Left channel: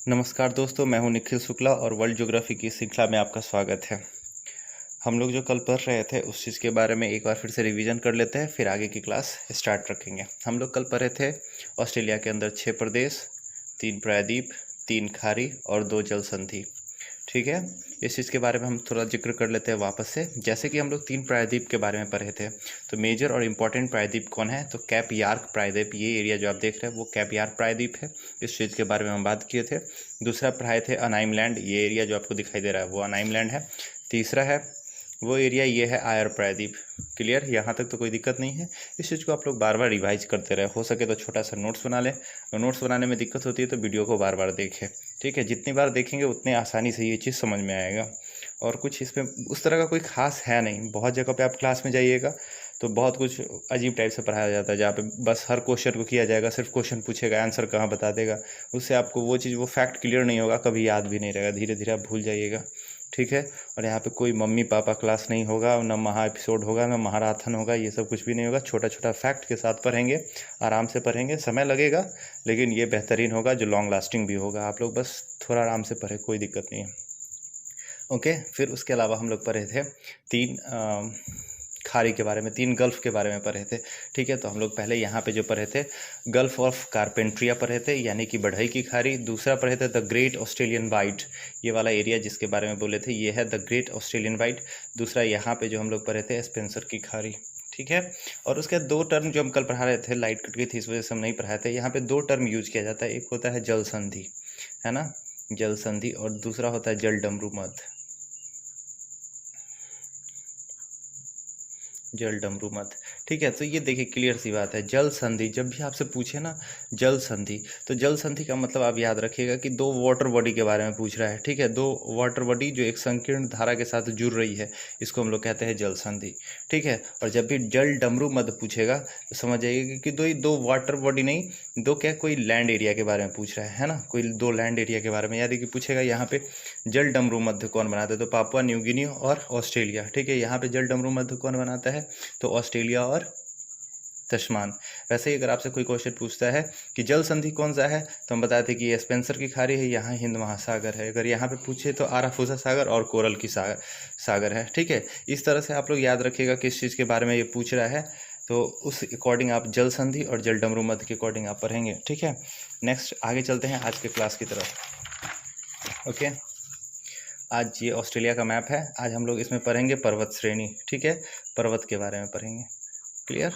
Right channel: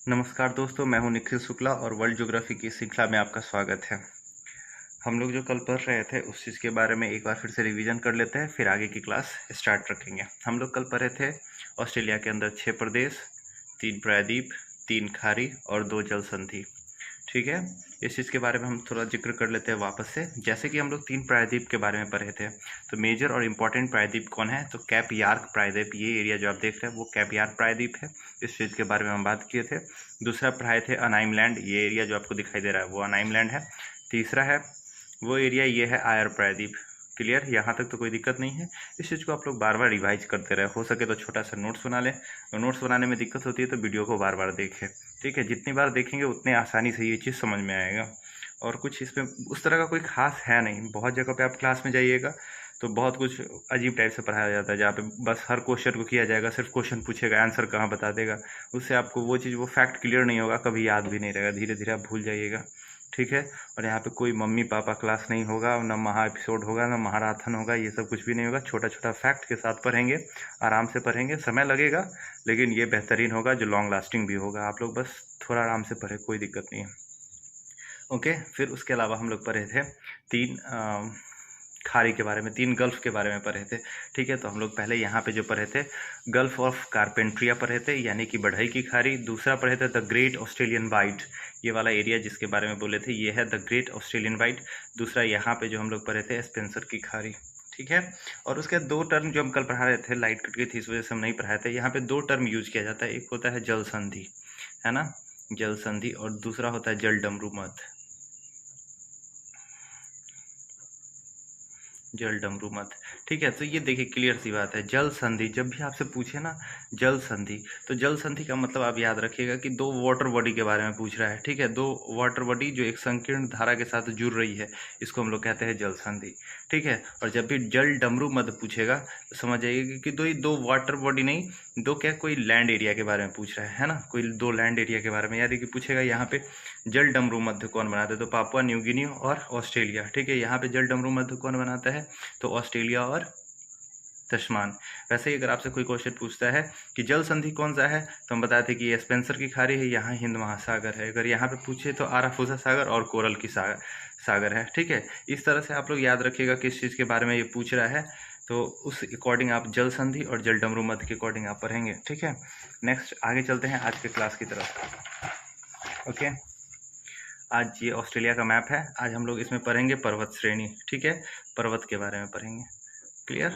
नमस्कार दोस्तों, मैं हूं निखिल शुक्ला और वर्ल्ड ज्योग्राफी की श्रृंखला में आपका स्वागत है। हम लोग जो कल पढ़ रहे थे उस चीज़ के बारे में एक बार फिर से रिवीजन कर लेते हैं, फिर आगे की क्लास स्टार्ट रखेंगे। हम लोग कल पढ़े थे ऑस्ट्रेलिया के अंदर 6 प्रदेश, 3 प्रायद्वीप, 3 खाड़ी और 2 जल संधि। ठीक है, इस चीज़ के बारे में हम थोड़ा जिक्र कर लेते हैं वापस से। जैसे कि हम लोग 3 प्रायद्वीप के बारे में पढ़े थे, तो मेजर और इम्पॉर्टेंट प्रायद्वीप कौन है? तो कैप यार्क प्रायद्वीप, ये एरिया जो आप देख रहे हैं वो कैप यार्क प्रायद्वीप है। इस चीज़ के बारे में हम बात किए थे। दूसरा प्राय थे अनाइम लैंड, ये एरिया जो आपको दिखाई दे रहा है वो अनाइम लैंड है। तीसरा है वो एरिया, ये है आयर प्रायद्वीप। क्लियर, यहाँ तक तो कोई दिक्कत नहीं है। इस चीज़ को आप लोग बार बार रिवाइज करते रहे, हो सके तो छोटा सा नोट्स बना लें। नोट्स बनाने में दिक्कत होती है तो वीडियो को बार बार देखें। ठीक है, जितनी बार देखेंगे उतने आसानी से ये चीज़ समझ में आएगा। और कुछ इसमें उस तरह का कोई खास है नहीं। बहुत जगह पे आप क्लास में जाइएगा तो बहुत कुछ अजीब टाइप से पढ़ाया जाता है, जहाँ पे बस हर क्वेश्चन को किया जाएगा, सिर्फ क्वेश्चन पूछेगा, आंसर कहाँ बता देगा। उससे आपको वो चीज़, वो फैक्ट क्लियर नहीं होगा, कभी याद भी नहीं रहेगा, धीरे धीरे आप भूल जाइएगा। ठीक है, और यहाँ पे कोई मम्मी पापा क्लास नहीं होगा, ना महा एपिसोड होगा, ना महाराथन होगा, ये सब कुछ भी नहीं होगा। छोटा छोटा फैक्ट के साथ पढ़ेंगे, आराम से पढ़ेंगे, समय लगेगा लेकिन ये बेहतरीन होगा, जो लॉन्ग लास्टिंग भी होगा। आप लोग बस थोड़ा आराम से पढ़े, कोई दिक्कत नहीं है। ओके, फिर उसके अलावा हम लोग पढ़े थे 3 खाड़ी के बारे में, 3 गल्फ़ के बारे में पढ़े थे। ठीक है, तो हम लोग पहले यहाँ पे जो पढ़े थे गल्फ़ ऑफ कारपेंट्रिया पढ़े थे, यानी कि बढ़ई की खाड़ी। दूसरा पढ़े थे द ग्रेट ऑस्ट्रेलियन वाइट, ये वाला एरिया जिसके बारे में बोले थे ये है द ग्रेट ऑस्ट्रेलियन वाइट। दूसरा यहाँ पे जो हम लोग पढ़े थे स्पेंसर की खाड़ी। ठीक है, और उसके 2 टर्म जो हम कल पढ़ा रहे थे, लाइट कट गई थी इस वजह से हम नहीं पढ़ाए थे। यहाँ पे 2 टर्म यूज किया जाता है, एक होता है जल संधि, है ना, जल संधि, और दूसरा होता है जल डमरू मध्य, जल डमरू मत। ठीक है, तो ये देखिए क्लियर सी बात है, जल संधि जब भी आपसे पूछे ना जल संधि, तो जल संधि का मतलब आप याद रखिएगा कि 2 वाटर बॉडी के बारे में पूछ रहा है। ठीक है, 2 वाटर बॉडी जो एक संकीर्ण धारा के साथ जुड़ रही है, इसको हम लोग कहते हैं जल संधि। ठीक है, और जब भी जल डमरू मत पूछेगा तो समझ जाइएगा कि दो वाटर बॉडी नहीं, दो क्या, कोई लैंड एरिया के बारे में पूछ रहा है ना, कोई 2 लैंड एरिया के बारे में। यानी कि पूछेगा यहाँ पे जल डमरू मध्य कौन बनाते हैं, तो पापुआ न्यू गिनी और ऑस्ट्रेलिया। ठीक है, यहाँ पे जल डमरू मध्य कौन बनाता है, तो ऑस्ट्रेलिया और तस्मान। वैसे ही अगर आपसे कोई क्वेश्चन पूछता है कि जल संधि कौन सा है, तो हम बताते हैं कि ये स्पेंसर की खाड़ी है, यहाँ हिंद महासागर है। अगर यहाँ पे पूछे तो आराफूसा सागर और कोरल की सागर है। ठीक है, इस तरह से आप लोग याद रखिएगा किस चीज़ के बारे में ये पूछ रहा है, तो उस अकॉर्डिंग आप जल संधि और जल डमरू मध्य के अकॉर्डिंग आप पढ़ेंगे। ठीक है, नेक्स्ट आगे चलते हैं आज के क्लास की तरफ। ओके, आज ये ऑस्ट्रेलिया का मैप है, आज हम लोग इसमें पढ़ेंगे पर्वत श्रेणी। ठीक है, पर्वत के बारे में पढ़ेंगे। क्लियर,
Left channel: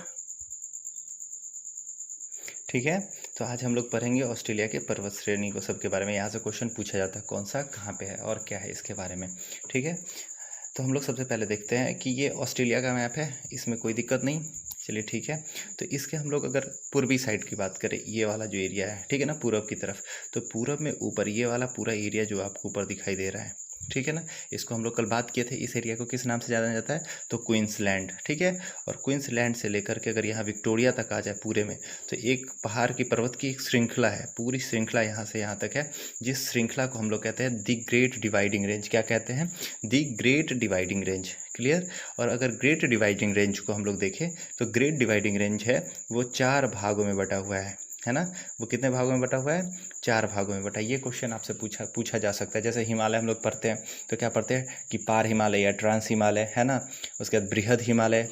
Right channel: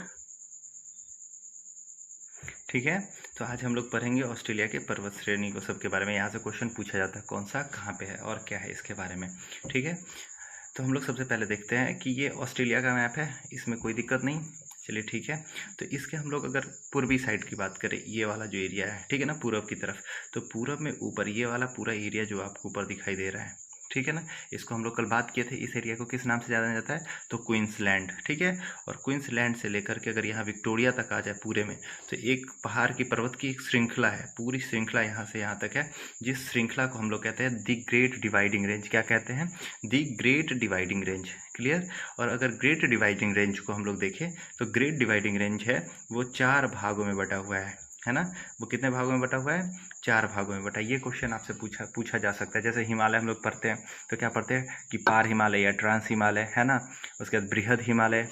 ठीक है, तो आज हम लोग पढ़ेंगे ऑस्ट्रेलिया के पर्वत श्रेणी को, सबके बारे में। यहाँ से क्वेश्चन पूछा जाता है कौन सा कहाँ पे है और क्या है इसके बारे में। ठीक है, तो हम लोग सबसे पहले देखते हैं कि ये ऑस्ट्रेलिया का मैप है, इसमें कोई दिक्कत नहीं। चलिए ठीक है, तो इसके हम लोग अगर पूर्वी साइड की बात करें, ये वाला जो एरिया है, ठीक है ना, पूरब की तरफ, तो पूरब में ऊपर ये वाला पूरा एरिया जो आपको ऊपर दिखाई दे रहा है, ठीक है ना, इसको हम लोग कल बात किए थे। इस एरिया को किस नाम से जाना जाता है, तो क्वींसलैंड। ठीक है, और क्वींसलैंड से लेकर के अगर यहाँ विक्टोरिया तक आ जाए पूरे में, तो एक पहाड़ की पर्वत की एक श्रृंखला है, पूरी श्रृंखला यहाँ से यहाँ तक है, जिस श्रृंखला को हम लोग कहते हैं द ग्रेट डिवाइडिंग रेंज। क्या कहते हैं, the great dividing range. Clear, और अगर ग्रेट डिवाइडिंग रेंज को हम लोग देखें तो ग्रेट डिवाइडिंग रेंज है वो 4 भागों में बटा हुआ है ना। वो कितने भागों में बटा हुआ है, 4 भागों में बटा। ये क्वेश्चन आपसे पूछा जा सकता है। जैसे हिमालय हम लोग पढ़ते हैं तो क्या पढ़ते हैं कि पार हिमालय या ट्रांस हिमालय, है ना, उसके बाद बृहद हिमालय,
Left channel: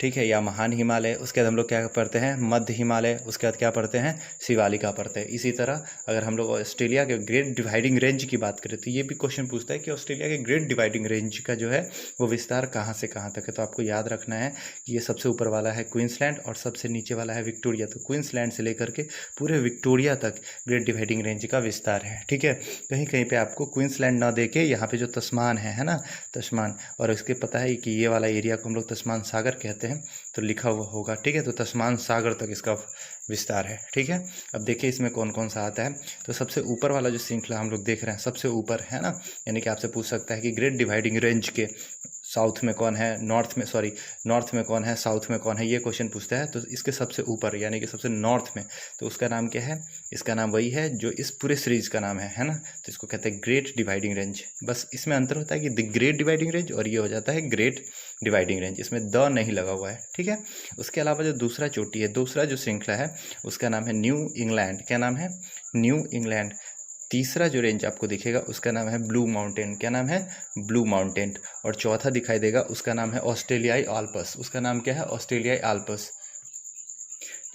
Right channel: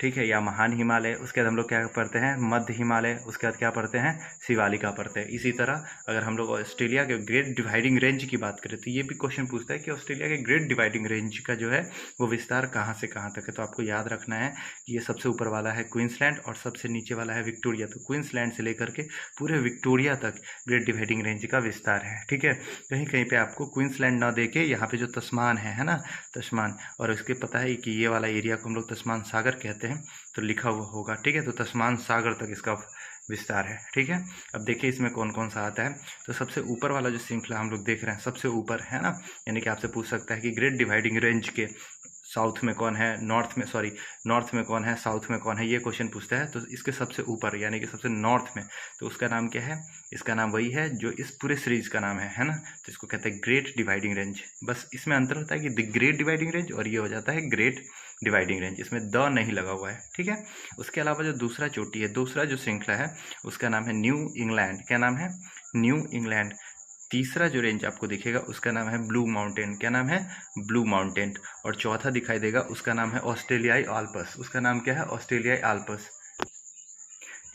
ठीक है, या महान हिमालय। उसके बाद हम लोग क्या पढ़ते हैं, मध्य हिमालय। उसके बाद क्या पढ़ते हैं, शिवालिका पढ़ते हैं। इसी तरह अगर हम लोग ऑस्ट्रेलिया के ग्रेट डिवाइडिंग रेंज की बात करें तो ये भी क्वेश्चन पूछता है कि ऑस्ट्रेलिया के ग्रेट डिवाइडिंग रेंज का जो है वो विस्तार कहाँ से कहाँ तक है। तो आपको याद रखना है कि ये सबसे ऊपर वाला है क्वींसलैंड और सबसे नीचे वाला है विक्टोरिया। तो क्वींसलैंड से लेकर के पूरे विक्टोरिया तक ग्रेट डिवाइडिंग रेंज का विस्तार है। ठीक है, कहीं कहीं पे आपको क्वींसलैंड ना देके यहाँ पे जो तस्मान है ना, तस्मान, और उसके पता है कि ये वाला एरिया को हम लोग तस्मान सागर कहते हैं, तो लिखा हुआ होगा। ठीक है, तो तस्मान सागर तक इसका विस्तार है। ठीक है, अब देखिए इसमें कौन कौन सा आता है। तो सबसे ऊपर वाला जो श्रृंखला हम लोग देख रहे हैं, सबसे ऊपर है ना, यानी कि आपसे पूछ सकता है कि ग्रेट डिवाइडिंग रेंज के साउथ में कौन है, नॉर्थ में कौन है, साउथ में कौन है, ये क्वेश्चन पूछता है। तो इसके सबसे ऊपर यानी कि सबसे नॉर्थ में, तो उसका नाम क्या है, इसका नाम वही है जो इस पूरे सीरीज का नाम है ना, तो इसको कहते हैं ग्रेट डिवाइडिंग रेंज। बस इसमें अंतर होता है कि द ग्रेट डिवाइडिंग रेंज और ये हो जाता है ग्रेट डिवाइडिंग रेंज, इसमें द नहीं लगा हुआ है। ठीक है, उसके अलावा जो दूसरा चोटी है, दूसरा जो श्रृंखला है, उसका नाम है न्यू इंग्लैंड। क्या नाम है, न्यू इंग्लैंड। तीसरा जो रेंज आपको दिखेगा उसका नाम है ब्लू माउंटेन। क्या नाम है? Blue mountain. और चौथा दिखाई देगा उसका नाम है ऑस्ट्रेलियाई आल्प्स। उसका नाम क्या है? ऑस्ट्रेलियाई आल्प्स।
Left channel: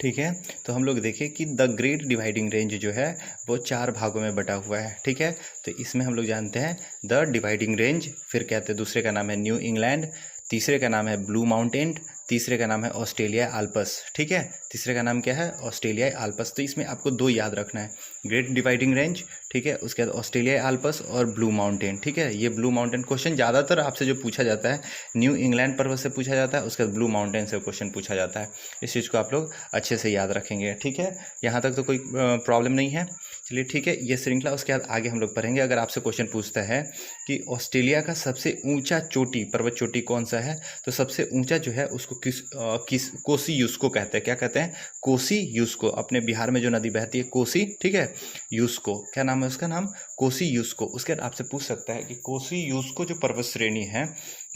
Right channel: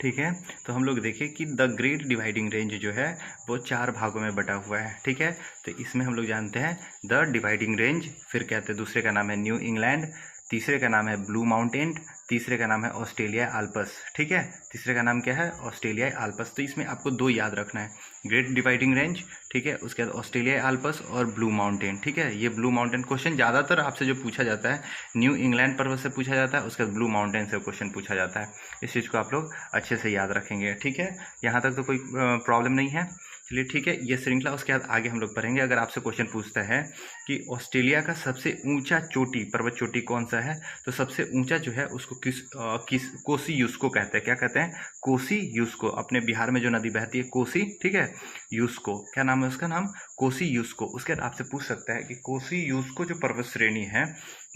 ठीक है, तो हम लोग देखें कि द ग्रेट डिवाइडिंग रेंज जो है वो 4 भागों में बटा हुआ है। ठीक है, तो इसमें हम लोग जानते हैं द डिवाइडिंग रेंज, फिर कहते हैं दूसरे का नाम है न्यू इंग्लैंड, तीसरे का नाम है ब्लू माउंटेन, तीसरे का नाम है ऑस्ट्रेलिया आल्प्स। ठीक है, तीसरे का नाम क्या है? Australia Alps. तो इसमें आपको 2 याद रखना है, ग्रेट डिवाइडिंग रेंज, ठीक है, उसके बाद ऑस्ट्रेलिया आल्प्स और ब्लू माउंटेन। ठीक है, ये ब्लू माउंटेन क्वेश्चन ज़्यादातर आपसे जो पूछा जाता है न्यू इंग्लैंड पर्वत से पूछा जाता है, उसके बाद ब्लू माउंटेन से क्वेश्चन पूछा जाता है। इस चीज़ को आप लोग अच्छे से याद रखेंगे। ठीक है, यहाँ तक तो कोई प्रॉब्लम नहीं है। चलिए ठीक है, ये श्रृंखला, उसके बाद आगे हम लोग पढ़ेंगे। अगर आपसे क्वेश्चन पूछता है कि ऑस्ट्रेलिया का सबसे ऊंचा चोटी, पर्वत चोटी कौन सा है, तो सबसे ऊंचा जो है उसको किस कोसी यूस्को कहते हैं। क्या कहते हैं? कोसी यूस्को। अपने बिहार में जो नदी बहती है कोसी, ठीक है, यूस्को, क्या नाम है उसका? नाम कोसी यूस्को। उसके बाद आपसे पूछ सकता है कि कोसी यूस्को जो पर्वत श्रेणी है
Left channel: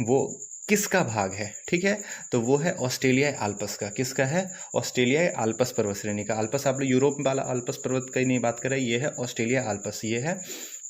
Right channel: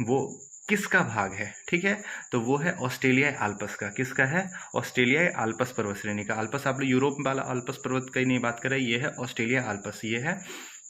वो किसका भाग है? ठीक है, तो वो है ऑस्ट्रेलियाई आल्प्स का। किसका है? ऑस्ट्रेलियाई आल्प्स पर्वत श्रेणी का। आल्प्स आप लोग यूरोप वाला आल्प्स पर्वत की नहीं बात कर रहे, ये है ऑस्ट्रेलिया आल्प्स। ये है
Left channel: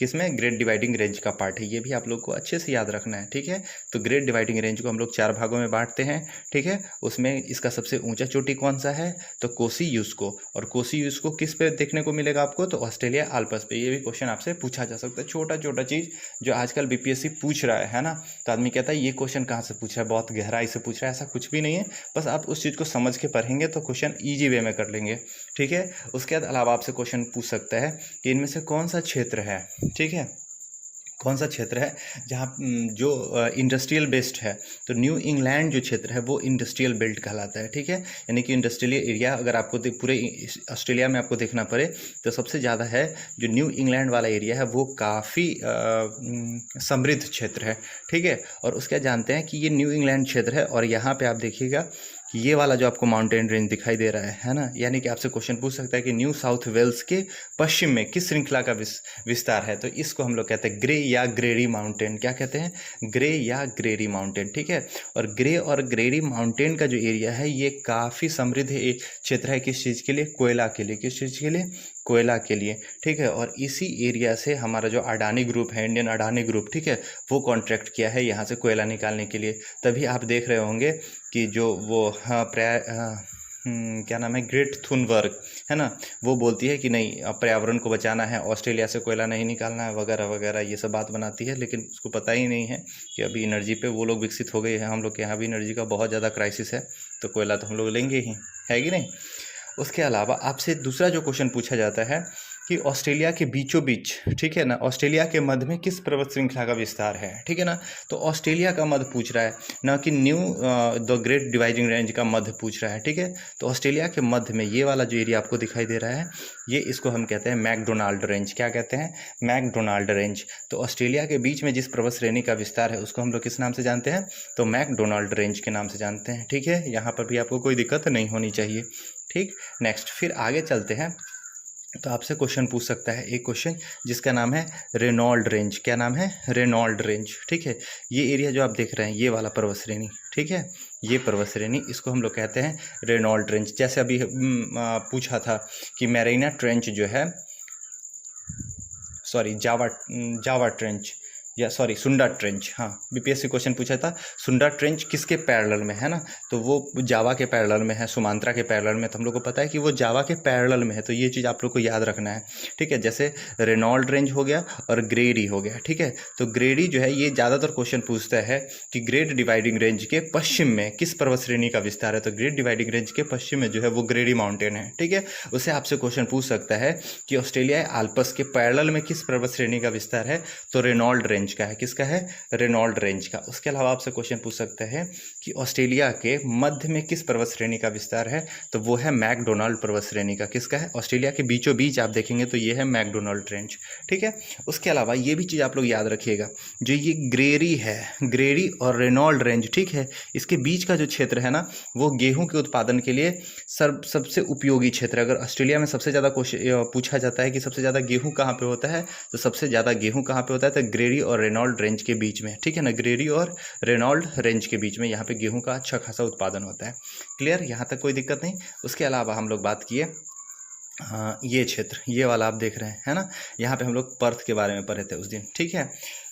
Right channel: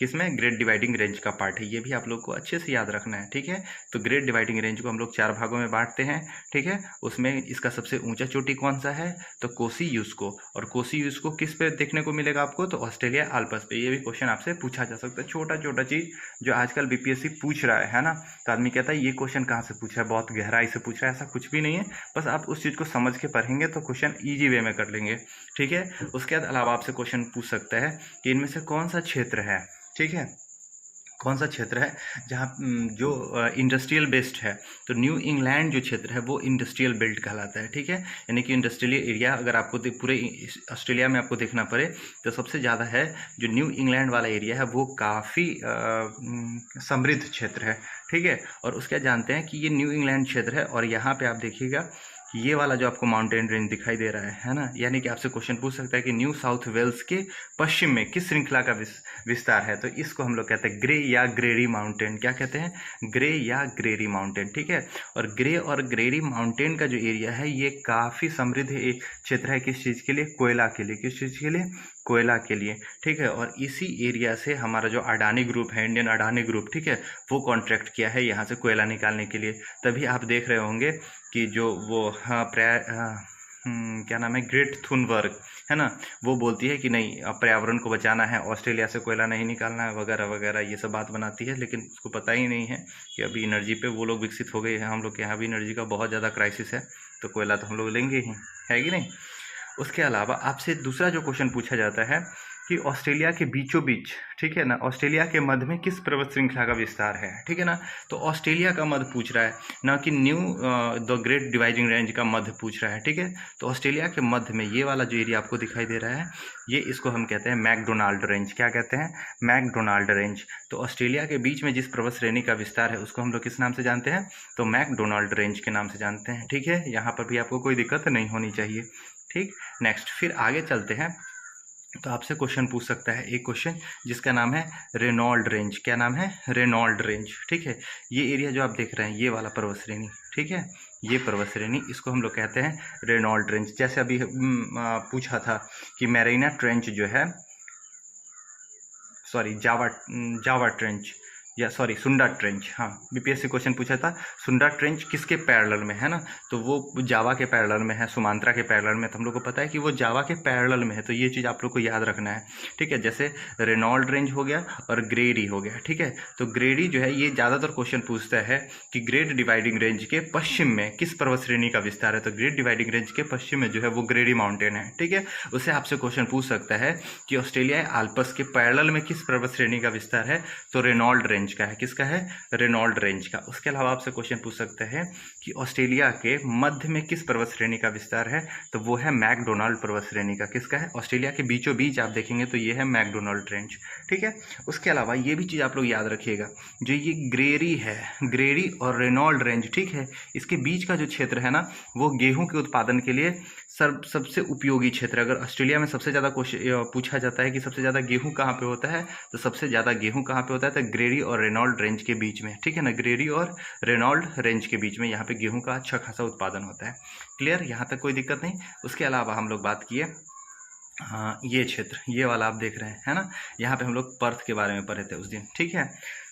किसमें? ग्रेट डिवाइडिंग रेंज का पार्ट है। ये भी आप लोग को अच्छे से याद रखना है। ठीक है, तो ग्रेट डिवाइडिंग रेंज को हम लोग 4 भागों में बांटते हैं। ठीक है, उसमें इसका सबसे ऊंचा चोटी कौन सा है? तो कोसी यूस्को। और कोसी यूस्को किस पे देखने को मिलेगा आपको? तो ऑस्ट्रेलिया आल्प्स पे। ये भी क्वेश्चन आपसे पूछा जा सकता है, छोटा छोटा चीज़ जो आजकल बीपीएससी पूछ रहा है ना। तो आदमी कहता है ये क्वेश्चन कहाँ से पूछा है, बहुत गहराई से पूछ रहा है। ऐसा कुछ भी नहीं है, बस आप उस चीज़ को समझ के पढ़ेंगे तो क्वेश्चन ईजी वे में कर लेंगे। ठीक है, उसके बाद अलावा आपसे क्वेश्चन पूछ सकता है कि इनमें से कौन सा क्षेत्र है, ठीक है, कौन सा क्षेत्र है जहाँ जो इंडस्ट्रियल बेस्ड है। तो न्यू इंग्लैंड जो क्षेत्र है वो इंडस्ट्रियल बेल्ट कहलाता है। ठीक है, यानी कि इंडस्ट्रियल एरिया अगर आपको पूरे ऑस्ट्रेलिया में आपको देखना पड़े तो सबसे ज़्यादा है जो न्यू इंग्लैंड वाला एरिया है वो काफ़ी समृद्ध क्षेत्र है। ठीक है, और उसका जानते हैं कि ये न्यू इंग्लैंड क्षेत्र है। और यहाँ पे आप देखिएगा कि ये वाला जो आपको माउंटेन रेंज दिखाई दे रहा है ना, यानी कि आपसे क्वेश्चन पूछ सकता है कि न्यू साउथ वेल्स के पश्चिम में किस श्रृंखला का विस्तार है। तो इसको हम लोग कहते हैं ग्रे या ग्रेरी माउंटेन। क्या कहते हैं? ग्रे या ग्रेरी माउंटेन। ठीक है, और ग्रे और ग्रेरी माउंटेन का जो एरिया है ये काफ़ी समृद्ध क्षेत्र है। किस चीज़ के लिए? कोयला के लिए। किस चीज़ के लिए? कोयला के लिए। ठीक है, और इसी एरिया से हमारा जो अडानी ग्रुप है, इंडियन अडानी ग्रुप, ठीक है, वो कॉन्ट्रैक्ट किया है यहाँ से कोयला निकालने के लिए। तभी आप देख रहे होंगे कि जो वो क्या नाम है, ग्रेट थुनबर्ग है ना, वो बोलती है कि नहीं अब पर्यावरण को बचाना है, ऑस्ट्रेलिया से कोयला नहीं निकालना है, वगैरह वगैरह ये सब बात बनाती है। लेकिन उसको पता ही नहीं है कि अभी एनर्जी पे वो लोग विकसित हो गए हैं। हम लोग के यहाँ भी एनर्जी का बहुत ज़्यादा क्राइसिस है, तो कोयला तो हम लोग लेंगे ही, है कि नहीं। उसके अलावा आपसे दूसरा जो क्वेश्चन पूछा जाता है कि ऑस्ट्रेलिया के बीचों बीच, ठीक है ना, ऑस्ट्रेलिया के मध्य में किस पर्वत श्रृंखला का विस्तार है। ठीक है ना, तो ऑस्ट्रेलिया का मध्य पूछ रहा है ना कि new the great dividing range का मध्य पूछ रहा है। ठीक है, तो ऑस्ट्रेलिया के मध्य में ये वाला जो एरिया आपको दिखाई दे रहा है ये, इसको हम कहते हैं मैकडोनाल्ड रेंज। क्या कहते हैं? McDonald range. तो ऑस्ट्रेलिया के बीच में जिस पर्वत श्रेणी का विस्तार है उसको हम लोग किस नाम से जानते हैं? तो मैकडोनाल्ड रेंज के नाम से जानते हैं। ठीक है, यहाँ पर भी आपको कोई दिक्कत नहीं होनी चाहिए। ठीक, नेक्स्ट फिर आगे चलते हैं। तो आपसे क्वेश्चन पूछ सकता है एक क्वेश्चन जिसका नाम है रेनॉल्ड रेंज। क्या नाम है? Reynold range. ठीक है, ये एरिया जो आप देख रहे हैं ये वाला पर्वत श्रेणी, ठीक है, ये पर्वत श्रेणी, इसको हम लोग कहते हैं रेनॉल्ड रेंज। जैसे अभी पूछा था कि मैरीना ट्रेंच जो है, सॉरी जावा ट्रेंच, या सॉरी सुंडा ट्रेंच, हाँ बीपीएससी क्वेश्चन पूछा था सुंडा ट्रेंच किसके पैरेलल में है ना, तो वो जावा के पैरेलल में है, सुमात्रा के पैरेलल में। तो हम लोग को पता है कि वो जावा के पैरेलल में है, तो ये चीज़ आप लोग को याद रखना है। ठीक है, जैसे रेनॉल्ड रेंज हो गया और ग्रेडी हो गया। ठीक है, तो ग्रेडी जो है ये ज़्यादातर क्वेश्चन पूछता है कि ग्रेट डिवाइडिंग रेंज के पश्चिम में किस पर्वत श्रेणी का विस्तार है। तो ग्रेट डिवाइडिंग रेंज के पश्चिम में जो है वो ग्रेडी माउंटेन है। ठीक है, उससे आपसे क्वेश्चन पूछ सकता है कि ऑस्ट्रेलिया आल्प्स के पैरेलल में किस पर्वत श्रेणी का विस्तार है। तो रेनॉल्ड रेंज का है। किसका है? रेनॉल्ड रेंज का। उसके अलावा आपसे क्वेश्चन पूछ सकते हैं कि ऑस्ट्रेलिया के मध्य में किस पर्वत श्रेणी का विस्तार है। तो वो है मैकडोनाल्ड पर्वत श्रेणी का। किसका है? ऑस्ट्रेलिया के बीचों बीच आप देखेंगे तो ये है मैकडोनाल्ड रेंज। ठीक है, उसके अलावा ये भी चीज़ आप लोग याद रखिएगा, जो ये ग्रेरी है, ग्रेरी और रेनॉल्ड रेंज, ठीक है, इसके बीच का जो क्षेत्र है ना वो गेहूं के उत्पादन के लिए सबसे उपयोगी क्षेत्र है। अगर ऑस्ट्रेलिया में सबसे ज़्यादा पूछा जाता है कि सबसे ज़्यादा गेहूं कहाँ पे होता है, तो सबसे ज़्यादा गेहूं कहाँ पे होता है? तो ग्रेरी और रेनॉल्ड रेंज के बीच में। ठीक है ना, ग्रेरी और रेनॉल्ड रेंज के बीच में यहाँ पे गेहूं का अच्छा खासा उत्पादन होता है। क्लियर, यहाँ तक कोई दिक्कत नहीं। उसके अलावा हम लोग बात किए हाँ, ये क्षेत्र, ये वाला आप देख रहे हैं, है ना। यहाँ पे हम लोग पर्थ के बारे में पढ़े थे उस दिन, ठीक है।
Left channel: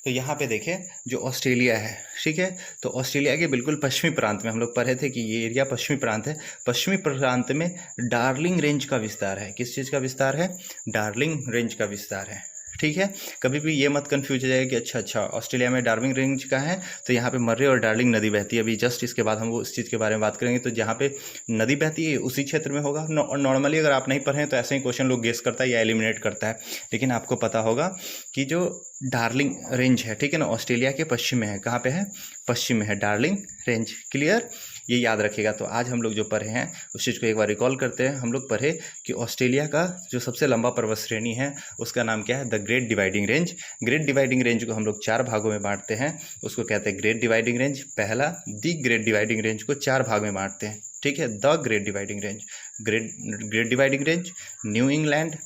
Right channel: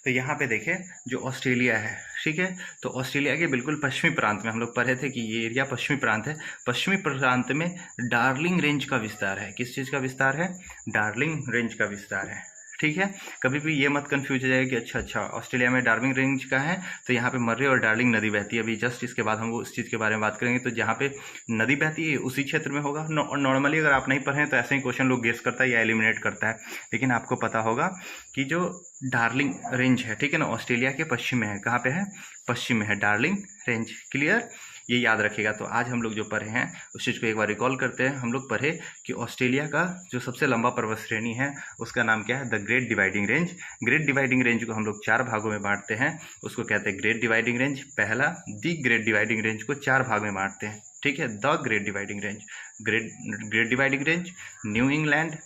तो यहाँ पे देखें जो ऑस्ट्रेलिया है, ठीक है, तो ऑस्ट्रेलिया के बिल्कुल पश्चिमी प्रांत में हम लोग पढ़े थे कि ये एरिया पश्चिमी प्रांत है। पश्चिमी प्रांत में डार्लिंग रेंज का विस्तार है। किस चीज़ का विस्तार है? डार्लिंग रेंज का विस्तार है, ठीक है। कभी भी ये मत कंफ्यूज हो जाएगा कि अच्छा ऑस्ट्रेलिया में डार्लिंग रेंज का है तो यहाँ पे मर्रे और डार्लिंग नदी बहती है। अभी जस्ट इसके बाद हम वो उस चीज़ के बारे में बात करेंगे। तो जहाँ पे नदी बहती है उसी क्षेत्र में होगा। नॉर्मली अगर आप नहीं पढ़ें तो ऐसे ही क्वेश्चन लोग गेस करता है या एलिमिनेट करता है, लेकिन आपको पता होगा कि जो डार्लिंग रेंज है, ठीक है ना, ऑस्ट्रेलिया के पश्चिम में है। कहाँ पे है? पश्चिम में है डार्लिंग रेंज। क्लियर? ये याद रखिएगा। तो आज हम लोग जो पढ़े हैं उस चीज़ को एक बार रिकॉल करते हैं। हम लोग पढ़े कि ऑस्ट्रेलिया का जो सबसे लंबा पर्वत श्रेणी है उसका नाम क्या है? The great dividing range. Great dividing range को हम लोग 4 भागों में बांटते हैं, उसको कहते हैं ग्रेट डिवाइडिंग रेंज। पहला, दी ग्रेट डिवाइडिंग रेंज को 4 भाग में बांटते हैं, ठीक है। The great dividing range, great dividing range, new England,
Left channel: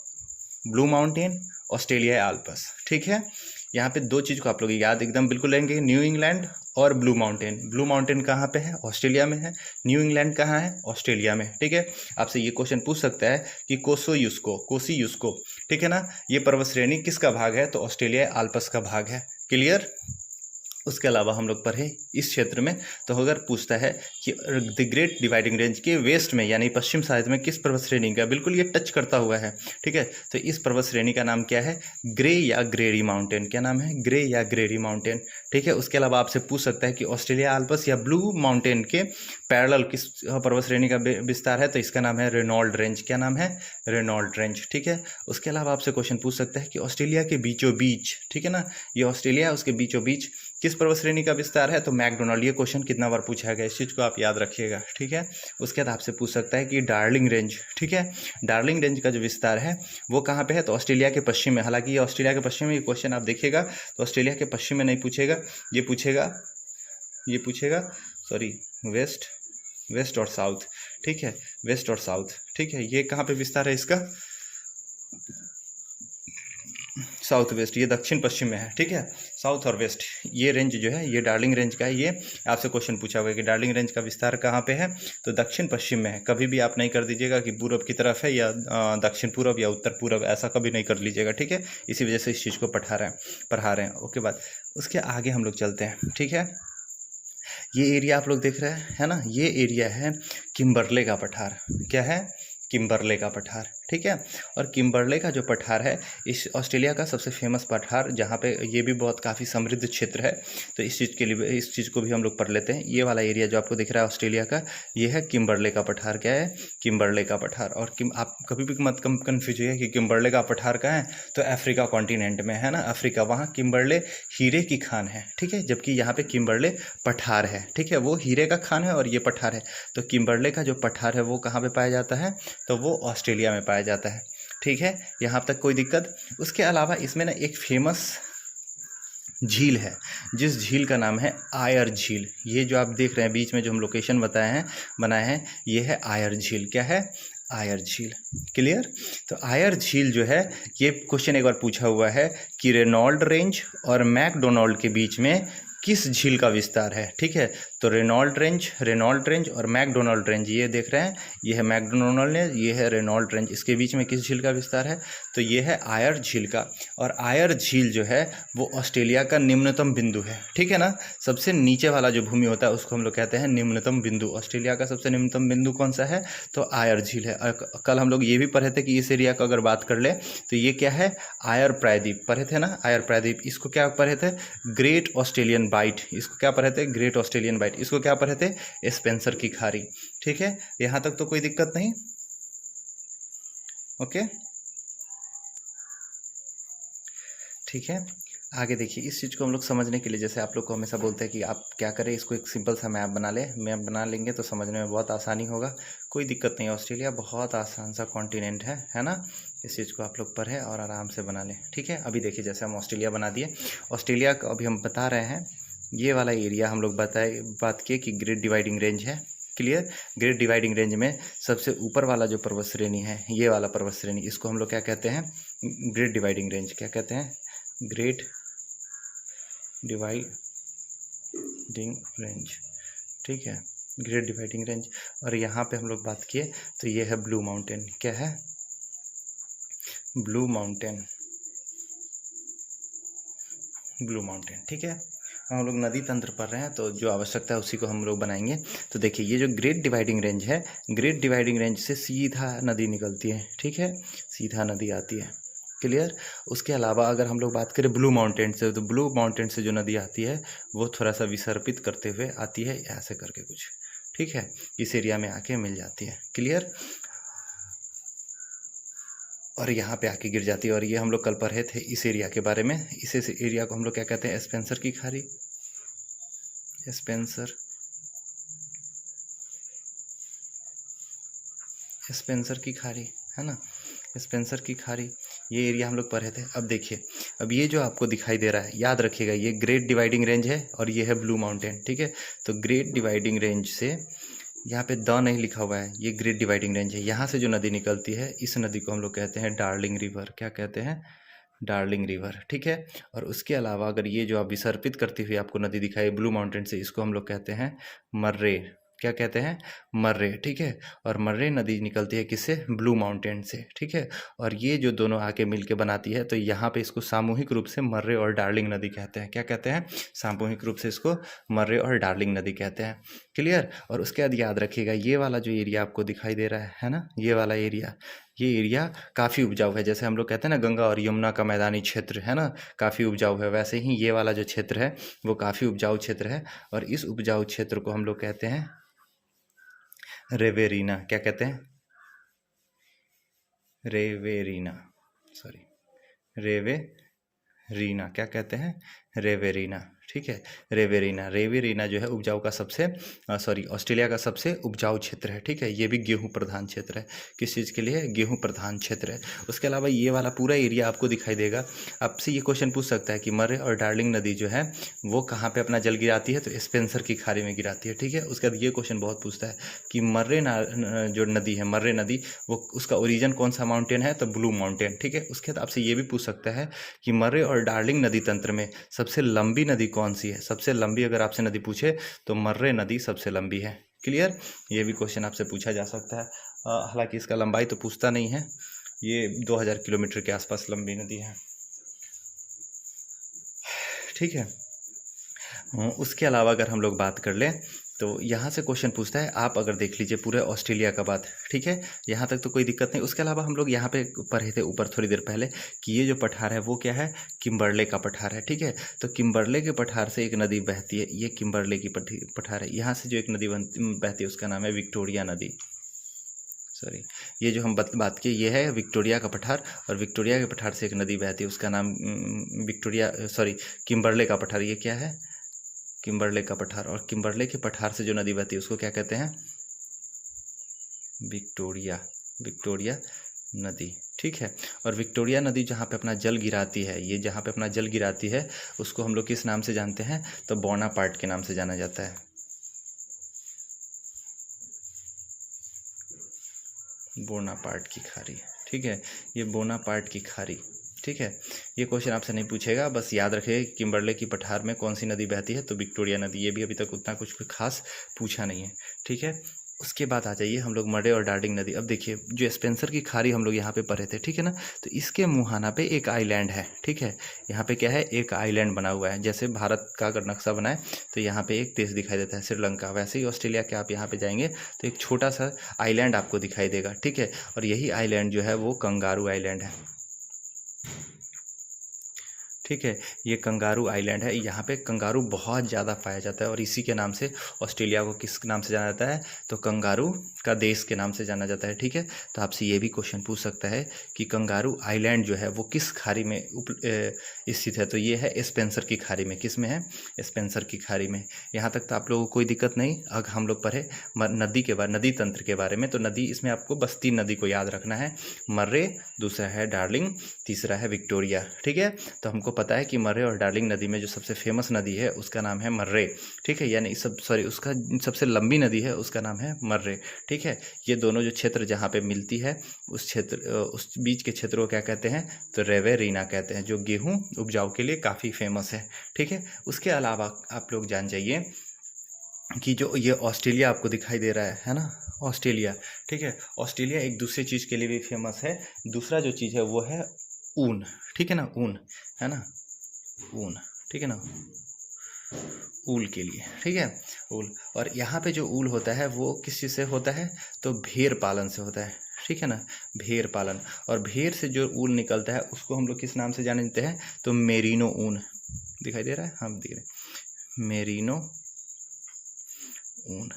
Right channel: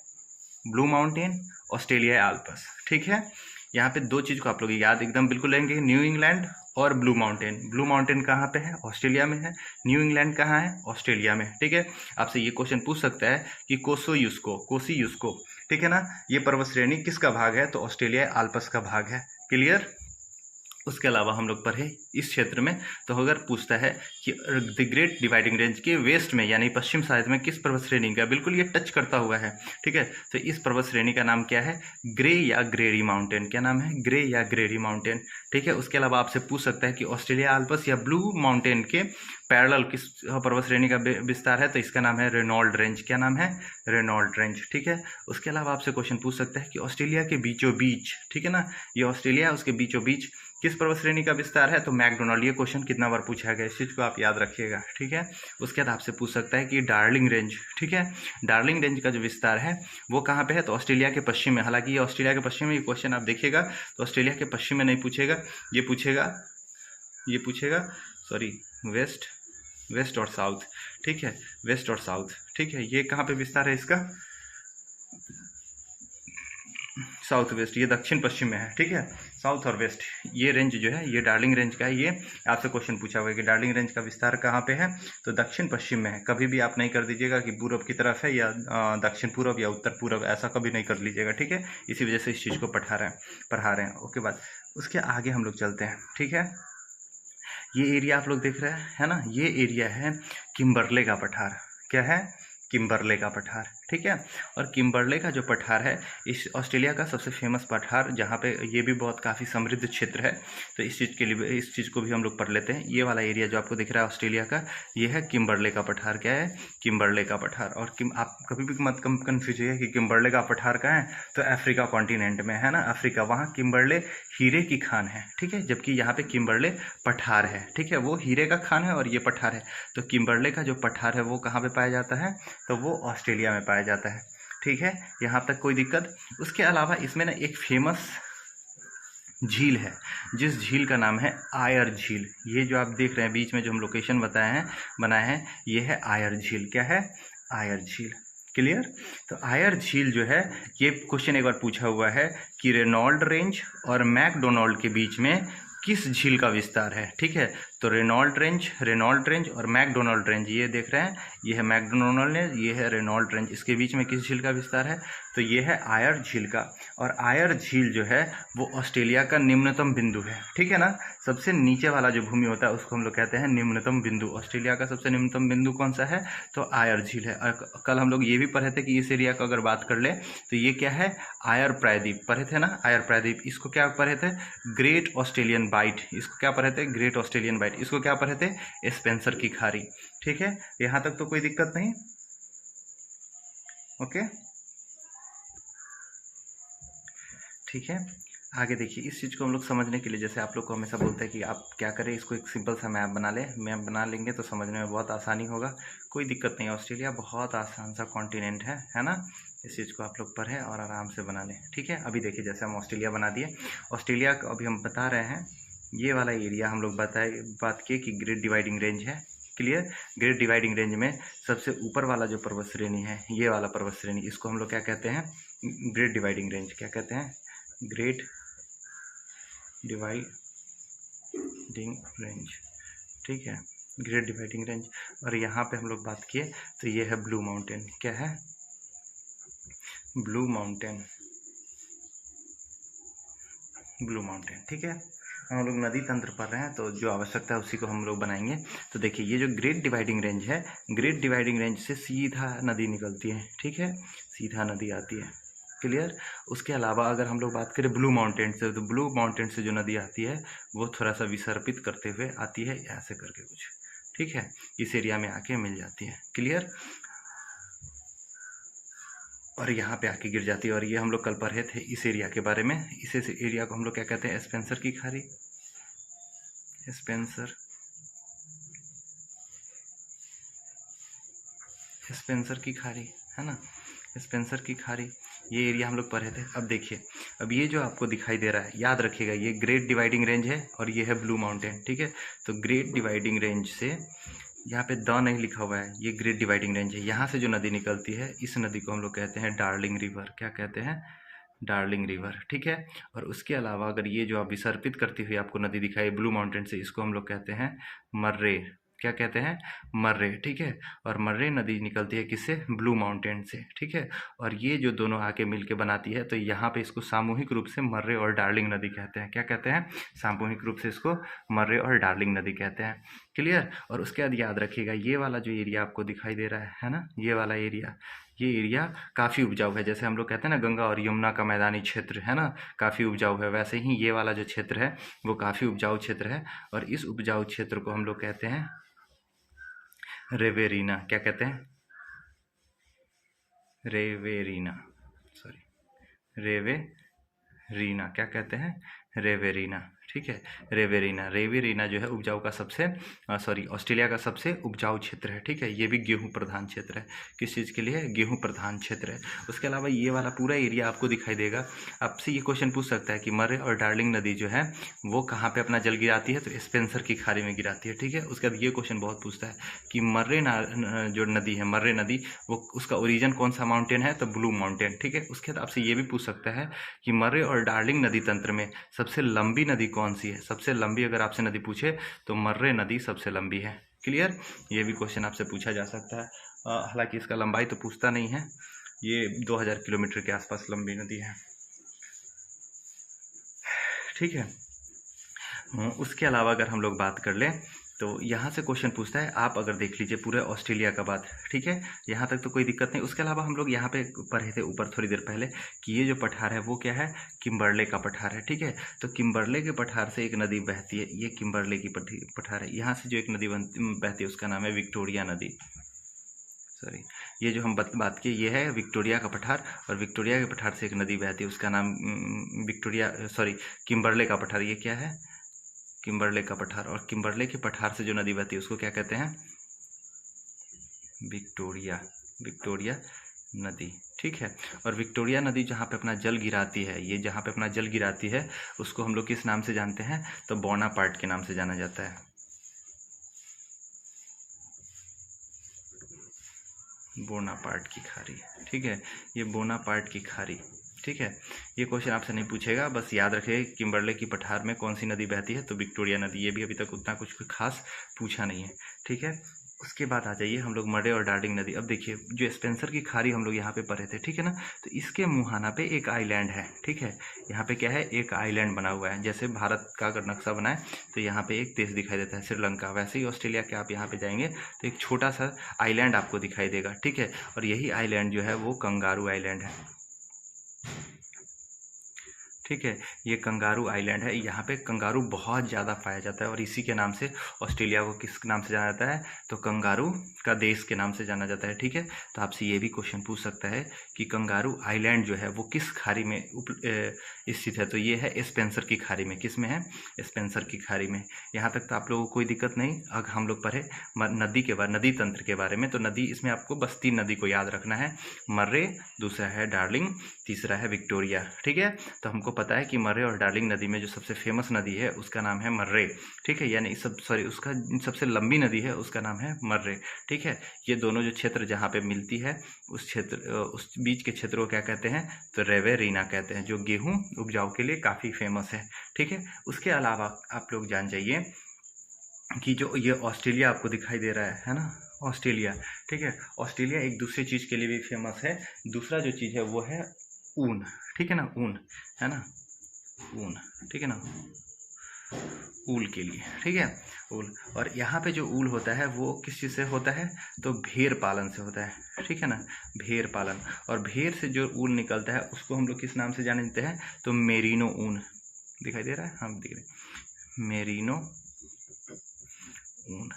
blue mountain, Australia Alps, ठीक है। यहाँ पे 2 चीज़ को आप लोग याद एकदम बिल्कुल लेंगे, न्यू इंग्लैंड और ब्लू माउंटेन। ब्लू माउंटेन कहाँ पे है? ऑस्ट्रेलिया में है। न्यू इंग्लैंड कहाँ है? ऑस्ट्रेलिया में, ठीक है। आपसे ये क्वेश्चन पूछ सकता है कि कोसी यूस्को, ठीक है ना, ये पर्वत श्रेणी किसका भाग है? तो ऑस्ट्रेलिया आल्प्स का भाग है। क्लियर? उसके अलावा हम लोग पढ़े इस क्षेत्र में, तो अगर पूछता है कि द ग्रेट डिवाइडिंग रेंज के वेस्ट में यानी पश्चिम साइड में किस पर्वत श्रेणी का, बिल्कुल ये टच करता हुआ है, ठीक है। तो इस पर्वत श्रेणी का नाम क्या है? ग्रे या ग्रेरी माउंटेन। क्या नाम है? ग्रे या ग्रेरी माउंटेन, ठीक है। उसके अलावा आपसे पूछ सकता है कि ऑस्ट्रेलिया आल्प्स या ब्लू माउंटेन के पैरेलल किस पर्वत श्रेणी का विस्तार है? तो इसका नाम है रेनॉल्ड रेंज। क्या नाम है? रेनॉल्ड रेंज, ठीक है। उसके अलावा आपसे क्वेश्चन पूछ सकता है कि ऑस्ट्रेलिया के बीचों बीच, ठीक है ना, ये ऑस्ट्रेलिया उसके बीचों बीच किस पर्वत श्रेणी का विस्तार है? तो मैकडोनाल्ड। ये क्वेश्चन कितना बार पूछा गया, इस चीज़ को आप याद रखिएगा, ठीक है। उसके बाद आपसे पूछ सकता है कि डार्लिंग रेंज, ठीक है, डार्लिंग रेंज का जो विस्तार है वो कहाँ पे है? तो ऑस्ट्रेलिया के पश्चिम में। हालांकि ये ऑस्ट्रेलिया के पश्चिम में, ये क्वेश्चन आप देखिएगा तो ऑस्ट्रेलिया के पश्चिम में नहीं पूछेगा, ये पूछेगा सॉरी वेस्ट और साउथ, ठीक है, वेस्ट और साउथ, ठीक है। ये कहाँ पे विस्तार है इसका? साउथ वेस्ट, ये दक्षिण पश्चिम में है, ठीक है। साउथ और वेस्ट ये रेंज जो है ये डार्लिंग रेंज का है। ये आपसे क्वेश्चन पूछा हुआ है कि डार्लिंग रेंज का विस्तार कहाँ पे है? तो दक्षिण पश्चिम में है। कभी भी आप नहीं कर दीजिएगा कि पूरब की तरफ है या दक्षिण पूरब या उत्तर पूरब, ऐसा कभी नहीं कर लीजिएगा, ठीक है। इसी वजह से इस चीज़ को पढ़ा रहे हैं। ओके, बाद उसके आगे हम लोग चलते हैं, ठीक है। ये एरिया आप लोग देख रहे हैं, है ना, ये एरिया है किम्बरले का पठार। क्या है? किम्बरले का पठार, ठीक है। और किम्बरले का जो पठार है इस ऑस्ट्रेलिया का सबसे फेमस पठार, जहाँ पे ये भी बहुत काफ़ी समृद्ध क्षेत्र है। तो इस चीज़ के लिए इस चीज़ को भी हम लोग पढ़ लेते हैं। ये वाला एरिया जो आपको दिख रहा है ऑस्ट्रेलिया का, ये है किम्बरले का पठार। क्या है? किम्बरले का पठार। और आप कभी भी मत कन्फ्यूज होइए कि किम्बरले का पठार कहाँ है, तो अफ्रीका कॉन्टिनेंट में है ना, अफ्रीका, वहाँ किम्बरले हीरे की खान है, ठीक है। जबकि यहाँ पे किम्बरले पठार है, ठीक है, वो हीरे का खान है और ये पठार है। तो किम्बरले का जो पठार है वो कहाँ पे पाया जाता है? तो वो ऑस्ट्रेलिया में पाया जाता है, ठीक है। यहाँ तक कोई दिक्कत? उसके अलावा इसमें ना एक फेमस झील है, जिस झील का नाम है आयर झील। ये जो आप देख रहे हैं बीच में जो हम लोकेशन बनाए हैं ये है आयर झील। क्या है? आयर झील। क्लियर? तो आयर झील जो है, ये क्वेश्चन एक बार पूछा हुआ है कि रेनॉल्ड रेंज और मैकडोनाल्ड के बीच में किस झील का विस्तार है, ठीक है। तो रेनॉल्ड रेंज और मैकडोनाल्ड रेंज, ये देख रहे हैं, ये है मैकडोनाल्ड रेंज, ये है रेनॉल्ड रेंज, इसके बीच में किस झील का विस्तार है? तो ये है आयर झील का। और आयर झील जो है वो ऑस्ट्रेलिया का निम्नतम बिंदु है, ठीक है ना। सबसे नीचे वाला जो भूमि होता है उसको हम लोग कहते हैं निम्नतम बिंदु। ऑस्ट्रेलिया का सबसे निम्नतम बिंदु कौन सा है? तो आयर झील है। कल हम लोग ये भी पढ़े थे कि इस एरिया को अगर बात कर ले तो ये क्या है? आयर प्रायद्वीप पढ़े थे ना, आयर प्रायद्वीप। इसको क्या पढ़े थे? Great Australian bight. इसको क्या पढ़े थे? Great Australian bight. इसको क्या पढ़े थे? स्पेंसर की खाड़ी, ठीक है। यहां तक तो कोई दिक्कत नहीं? ओके, ठीक है। आगे देखिए, इस चीज़ को हम लोग समझने के लिए, जैसे आप लोग को हमेशा बोलते हैं कि आप क्या करें, इसको एक सिंपल सा मैप बना लेंगे तो समझने में बहुत आसानी होगा। कोई दिक्कत नहीं, ऑस्ट्रेलिया बहुत आसान सा कॉन्टिनेंट है ना। इस चीज़ को आप लोग पढ़ें और आराम से बना लें, ठीक है। अभी देखिए, जैसे हम ऑस्ट्रेलिया बना दिए, ऑस्ट्रेलिया को अभी हम बता रहे हैं, ये वाला एरिया हम लोग बात किए कि ग्रेट डिवाइडिंग रेंज है। क्लियर? ग्रेट डिवाइडिंग रेंज में सबसे ऊपर वाला जो पर्वत श्रेणी है, ये वाला पर्वत श्रेणी, इसको हम लोग क्या कहते हैं? Great dividing range. क्या कहते हैं? ग्रेट डिवाइडिंग रेंज, ठीक है, ग्रेट डिवाइडिंग रेंज। और यहाँ पे हम लोग बात किए तो ये है ब्लू माउंटेन। क्या है? ब्लू माउंटेन, ब्लू माउंटेन, ठीक है। हम लोग नदी तंत्र पढ़ रहे हैं तो जो आवश्यकता है उसी को हम लोग बनाएंगे। तो देखिए ये जो ग्रेट डिवाइडिंग रेंज है, ग्रेट डिवाइडिंग रेंज से सीधा नदी निकलती है, ठीक है, सीधा नदी आती है, क्लियर। उसके अलावा अगर हम लोग बात करें ब्लू माउंटेन से, तो ब्लू माउंटेन से जो नदी आती है वो थोड़ा सा विसर्पित करते हुए आती है, ऐसे करके कुछ, ठीक है, इस एरिया में आके मिल जाती है, क्लियर, और यहाँ पे आके गिर जाती है। और ये हम लोग कल पढ़े थे इस एरिया के बारे में। इस एरिया को हम लोग क्या कहते हैं, स्पेंसर की खाड़ी, स्पेंसर, स्पेंसर की खाड़ी, है ना, स्पेंसर की खाड़ी, ये एरिया हम लोग पढ़े थे। अब देखिए, अब ये जो आपको दिखाई दे रहा है, याद रखिएगा ये ग्रेट डिवाइडिंग रेंज है और ये है ब्लू माउंटेन, ठीक है। तो ग्रेट डिवाइडिंग रेंज से, यहाँ पे द नहीं लिखा हुआ है, ये ग्रेट डिवाइडिंग रेंज है। यहाँ से जो नदी निकलती है, इस नदी को हम लोग कहते हैं डार्लिंग रिवर। क्या कहते हैं, डार्लिंग रिवर, ठीक है। और उसके अलावा अगर ये जो आप विसर्पित करती हुई आपको नदी दिखाई ब्लू माउंटेन से, इसको हम लोग कहते हैं मर्रे। क्या कहते हैं, मर्रे, ठीक है। और मर्रे नदी निकलती है किससे, ब्लू माउंटेन से, ठीक है। और ये जो दोनों आके मिलके बनाती है, तो यहाँ पे इसको सामूहिक रूप से मर्रे और डार्लिंग नदी कहते हैं। क्या कहते हैं, सामूहिक रूप से इसको मर्रे और डार्लिंग नदी कहते हैं, क्लियर। और उसके बाद याद रखिएगा ये वाला जो एरिया आपको दिखाई दे रहा है ना, ये वाला एरिया, ये एरिया काफ़ी उपजाऊ है। जैसे हम लोग कहते हैं ना गंगा और यमुना का मैदानी क्षेत्र है ना, काफ़ी उपजाऊ है, वैसे ही ये वाला जो क्षेत्र है वो काफ़ी उपजाऊ क्षेत्र है। और इस उपजाऊ क्षेत्र को हम लोग कहते हैं रेवेरिना। क्या कहते हैं, रेवेरिना, सॉरी, रेवेरिना, क्या कहते हैं, रेवेरिना, ठीक है। रेवेरिना, रेवेरिना जो है उपजाऊ का सबसे, सॉरी, ऑस्ट्रेलिया का सबसे उपजाऊ क्षेत्र है, ठीक है। ये भी गेहूं प्रधान क्षेत्र है। किस चीज़ के लिए, गेहूं प्रधान क्षेत्र है। उसके अलावा ये वाला पूरा एरिया आपको दिखाई देगा। आपसे ये क्वेश्चन पूछ सकता है कि मर्रे और डार्लिंग नदी जो है वो कहाँ पे अपना जल गिराती है, तो स्पेंसर की खाड़ी में गिराती है, ठीक है। उसके बाद ये क्वेश्चन बहुत पूछता है कि मर्रे जो नदी है, मर्रे नदी, वो उसका ओरिजिन कौन सा माउंटेन है, तो ब्लू माउंटेन, ठीक है। उसके बाद आपसे ये भी पूछ सकता है कि मर्रे और डार्लिंग नदी तंत्र में सबसे लंबी नदी कौन सी है। सबसे लंबी अगर आपसे नदी पूछे तो मर्रे नदी सबसे लंबी है, क्लियर। ये भी क्वेश्चन आपसे पूछा जा सकता है। हालांकि इसका लंबाई तो पूछता नहीं है, ये 2000 किलोमीटर के आसपास लंबी नदी है, ठीक है। उसके अलावा अगर हम लोग बात कर लें तो यहाँ से क्वेश्चन पूछता है, आप अगर देख लीजिए पूरे ऑस्ट्रेलिया का बात, ठीक है, यहाँ तक तो कोई दिक्कत नहीं। उसके अलावा हम लोग यहाँ पे पढ़े थे ऊपर थोड़ी देर पहले कि ये जो पठार है वो क्या है, किम्बरले का पठार है, ठीक है। तो किम्बरले के पठार से एक नदी बहती है, ये किम्बरले की पठार है। यहाँ से जो एक नदी बहती है उसका नाम है विक्टोरिया नदी, सॉरी, ये जो हम बात की ये है विक्टोरिया का पठार। और विक्टोरिया के पठार से एक नदी बहती है उसका नाम विक्टोरिया, सॉरी, किम्बरले का पठार। ये क्या है, किम्बरले का पठार। और किम्बरले के पठार से जो नदी बहती है उसको क्या कहते हैं, विक्टोरिया, विक्टोरिया नदी, ठीक है। और विक्टोरिया नदी जहाँ पे अपना जल गिराती है, ये जहाँ पे अपना जल गिराती है उसको हम लोग किस नाम से जानते हैं, तो बोनापार्ट के नाम से जाना जाता है, बोनापार्ट की खाड़ी, ठीक है। ये बोनापार्ट की खाड़ी, ठीक है। ये क्वेश्चन आपसे नहीं पूछेगा, बस याद रखिए किम्बरले की पठार में कौन सी नदी बहती है, तो विक्टोरिया नदी। ये भी अभी तक उतना कुछ खास पूछा नहीं है, ठीक है। उसके बाद आ जाइए हम लोग मर्रे और डार्लिंग नदी। अब देखिए जो स्पेंसर की खाड़ी हम लोग यहाँ पे पढ़े थे, ठीक है ना, तो इसके मुहाना पे एक आइलैंड है, ठीक है। यहाँ पे क्या है, एक आइलैंड बना हुआ है। जैसे भारत का अगर नक्शा बनाए तो यहाँ पे एक देश दिखाई देता है श्रीलंका, वैसे ही ऑस्ट्रेलिया के आप यहाँ पे जाएंगे तो एक छोटा सा आइलैंड आपको दिखाई देगा, ठीक है। और यही आइलैंड जो है वो कंगारू आइलैंड है, ठीक है। ये कंगारू आइलैंड है, यहाँ पे कंगारू बहुत ज़्यादा पाया जाता है और इसी के नाम से ऑस्ट्रेलिया को किस नाम से जाना जाता है, तो कंगारू का देश के नाम से जाना जाता है, ठीक है। तो आपसे ये भी क्वेश्चन पूछ सकता है कि कंगारू आइलैंड जो है वो किस खाड़ी में स्थित है, तो ये है स्पेंसर की खाड़ी में। किस में है, स्पेंसर की खाड़ी में। यहाँ तक तो आप लोगों को कोई दिक्कत नहीं। अब हम लोग पढ़े नदी के बारे, नदी तंत्र के बारे में। तो नदी, इसमें आपको बस 3 नदी को याद रखना है, मर्रे, दूसरा है डार्लिंग, तीसरा है विक्टोरिया, ठीक है। तो हमको पता है कि मर्रे और डार्लिंग नदी में जो सबसे फेमस नदी है उसका नाम है मर्रे, ठीक है। यानी उसका सबसे लंबी नदी है उसका नाम है मर्रे, ठीक है। ये दोनों जो क्षेत्र जहाँ पे मिलती है उस क्षेत्र, उस बीच के क्षेत्र को क्या कहते हैं, तो रेवेरिना कहते हैं, जो गेहूं उपजाऊ के लिए काफ़ी फेमस है, ठीक है। उसके अलावा आप लोग जान जाइए कि जो ये ऑस्ट्रेलिया आपको दिखाई दे रहा है ना, ऑस्ट्रेलिया। ठीक है, ऑस्ट्रेलिया एक दूसरी चीज़ के लिए भी फेमस है। दूसरा जो चीज़ है वो है ऊन। ठीक है ना, ऊन है ना, ऊन। ठीक है ना, ऊल के लिए। ठीक है, ऊल। और यहाँ पे जो ऊल होता है वो किस चीज़ से होता है, तो भेड़ पालन से होता है। ठीक है ना, भेड़ पालन। और भेड़ से जो ऊल निकलता है उसको हम लोग किस नाम से जानते हैं, तो मेरिनो ऊन। दिखाई दे रहा है, हाँ दिख रहा है, मेरिनो ऊन।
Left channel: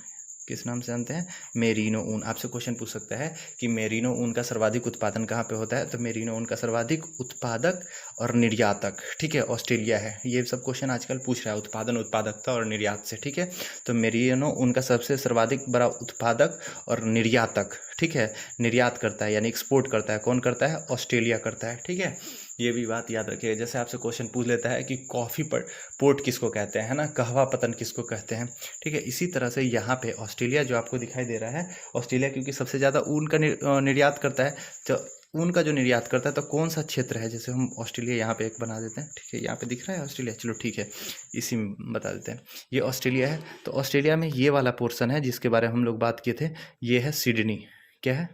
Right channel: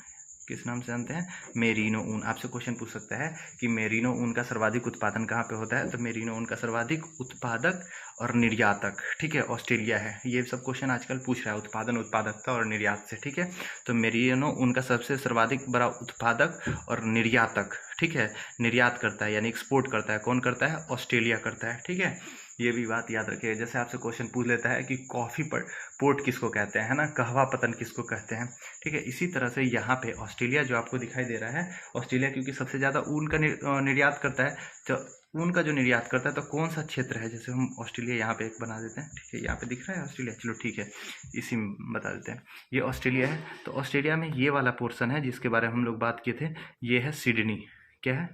किस नाम से जानते हैं, मेरिनो ऊन। आपसे क्वेश्चन पूछ सकता है कि मेरिनो ऊन का सर्वाधिक उत्पादन कहाँ पे होता है, तो मेरिनो ऊन का सर्वाधिक उत्पादक और निर्यातक, ठीक है, ऑस्ट्रेलिया है। ये सब क्वेश्चन आजकल पूछ रहा है उत्पादन, उत्पादकता और निर्यात से। ठीक है, तो मेरिनो ऊन का सबसे सर्वाधिक बड़ा उत्पादक और निर्यातक, ठीक है, निर्यात करता है यानी एक्सपोर्ट करता है, कौन करता है, ऑस्ट्रेलिया करता है। ठीक है, ये भी बात याद रखिए। जैसे आपसे क्वेश्चन पूछ लेता है कि कॉफ़ी पर पोर्ट किसको कहते हैं, है ना, कहवा पतन किसको कहते हैं। ठीक है, इसी तरह से यहाँ पे ऑस्ट्रेलिया जो आपको दिखाई दे रहा है, ऑस्ट्रेलिया क्योंकि सबसे ज़्यादा ऊन का निर्यात करता है, तो ऊन का जो निर्यात करता है तो कौन सा क्षेत्र है, जैसे हम ऑस्ट्रेलिया यहाँ पे एक बना देते हैं। ठीक है, यहाँ पे दिख रहा है ऑस्ट्रेलिया, चलो ठीक है, इसी में बता देते हैं, ये ऑस्ट्रेलिया है। तो ऑस्ट्रेलिया में ये वाला पोर्सन है जिसके बारे में हम लोग बात किए थे, ये है सिडनी। क्या है,